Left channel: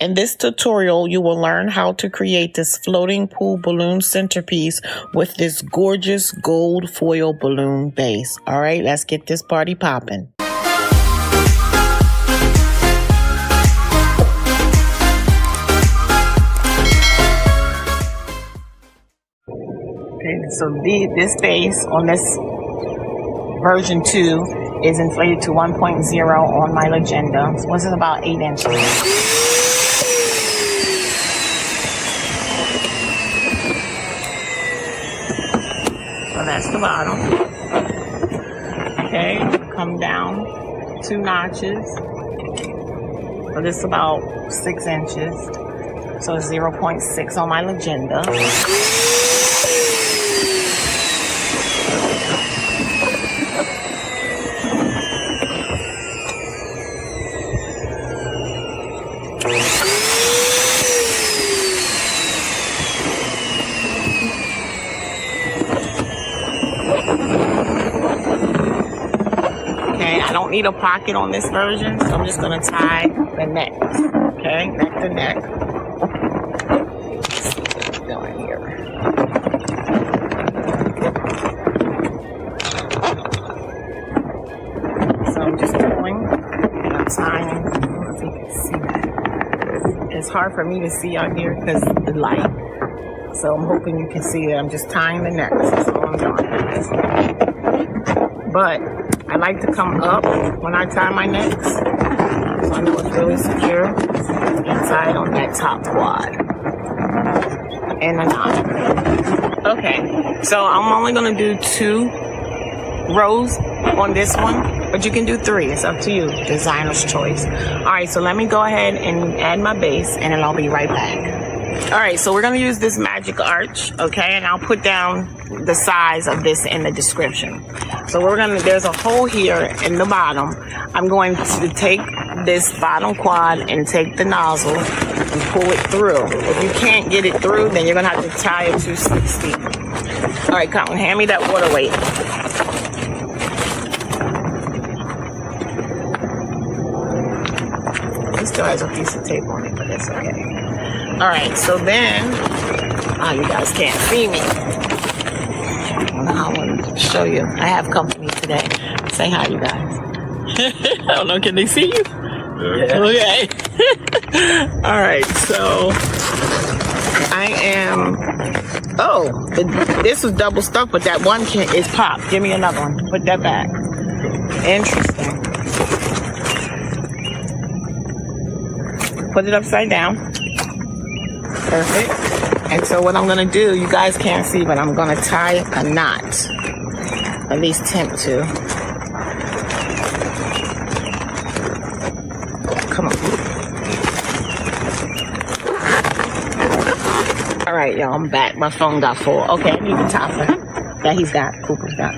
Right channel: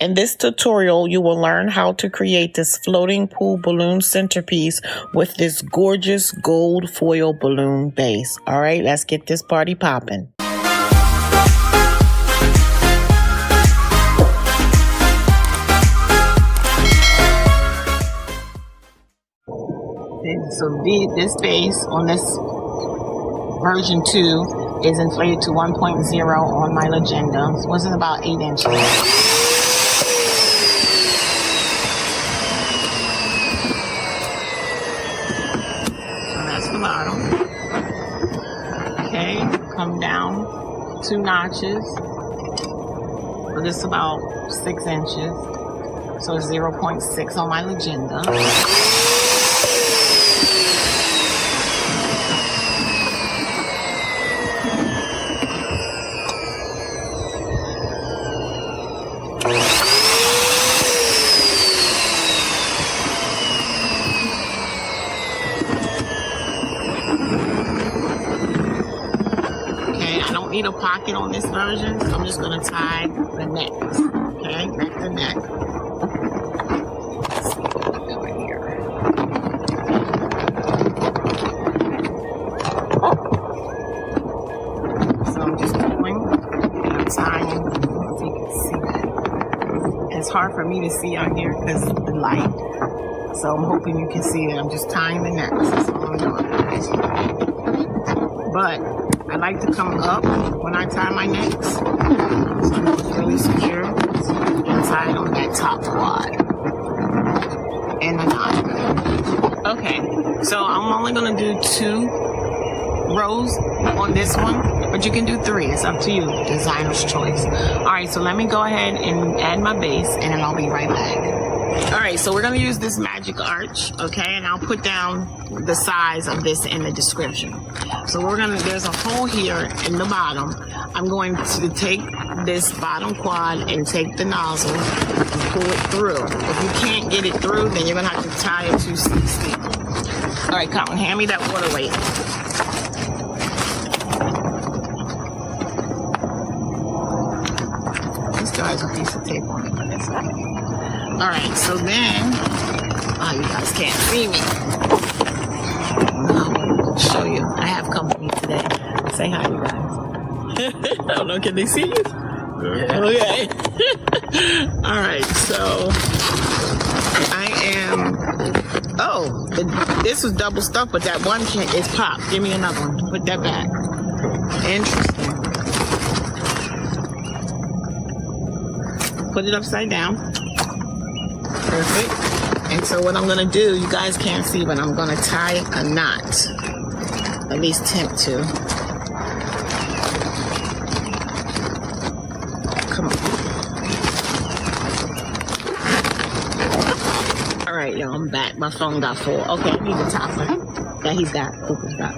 In this tutorial, you will learn how to create this floating pool balloon centerpiece with this gorgeous gold foil balloon base. All right, let's get this party popping. Okay, so this base on this version 2 is inflated to 1.0 on my Legenda. So this is about 8 inches. So that's the bottom. Okay, come down 2 notches. So this is about 6 inches. So it's 0.6 on my Legenda. I don't need a pocket on this version, so I'm just going to tie the neck. Okay, neck to neck. Let's see what we're doing here. So I'm just pulling and I'm tying. I don't know if you can see that. It's hard for me to see out here because of the light. So I'm hoping you can see that I'm just tying the neck. That's all I'm doing. But I like to come up when I tie my necks, so I know it's really secure inside on that top quad and the knot. Okay, so I'm only going to do 2 rows on this one, but you can do 3. It's up to you, designer's choice. All right, so let me go ahead and add my base, and then I'll be right back. All right, so we're going to use this magic arch, okay, and I'll put down the size of this in the description. So there's a hole here in the bottom. I'm going to take this bottom quad and take the nozzle and pull it through. If you can't get it through, then you're going to have to tie it to 260. All right, Colin, hand me that water weight. It still has a piece of tape on it, but that's okay. All right, so then, you guys can't see me. I want to show you. I have company today. Say hi, you guys. I don't know, can they see you? Yeah. Okay. All right, so I am, this was double stuck, but that one is popped. Give me another one. Put that back. Interesting. Put it upside down. Perfect. And so what I'm going to do, you guys can't see, but I'm going to tie a knot. At least attempt to. Come on. All right, y'all, I'm back. My phone got full. Okay, I need the top. That he's got. Cooper's got.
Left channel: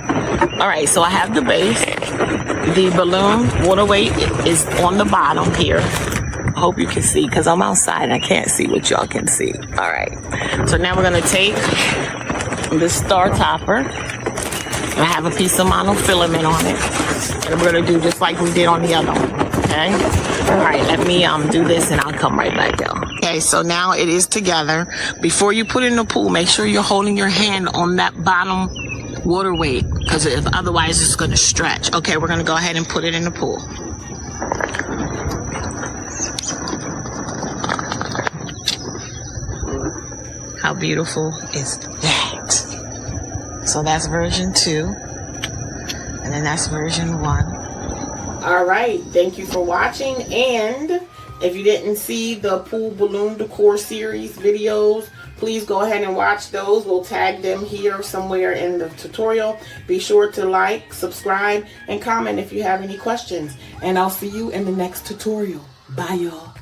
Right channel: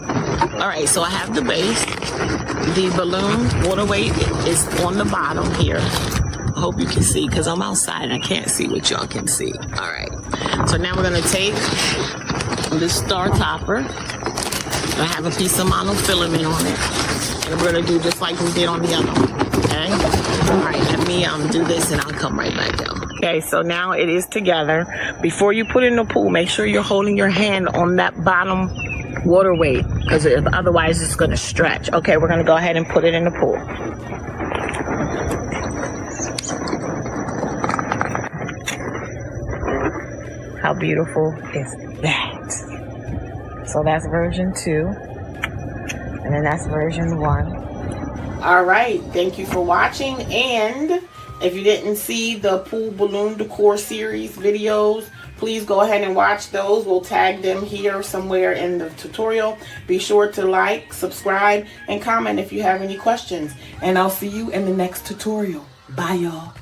All right, so I have the base. The balloon water weight is on the bottom here. I hope you can see because I'm outside and I can't see what y'all can see. All right. So now we're going to take this star topper. I have a piece of monofilament on it. And we're going to do just like we did on the other one. Okay? All right. Let me do this and I'll come right back, y'all. Okay. So now it is together. Before you put it in the pool, make sure you're holding your hand on that bottom water weight because otherwise it's going to stretch. Okay. We're going to go ahead and put it in the pool. How beautiful is that? So that's version 2. And then that's version 1. All right. Thank you for watching. And if you didn't see the pool balloon decor series videos, please go ahead and watch those. We'll tag them here somewhere in the tutorial. Be sure to like, subscribe, and comment if you have any questions. And I'll see you in the next tutorial. Bye, y'all.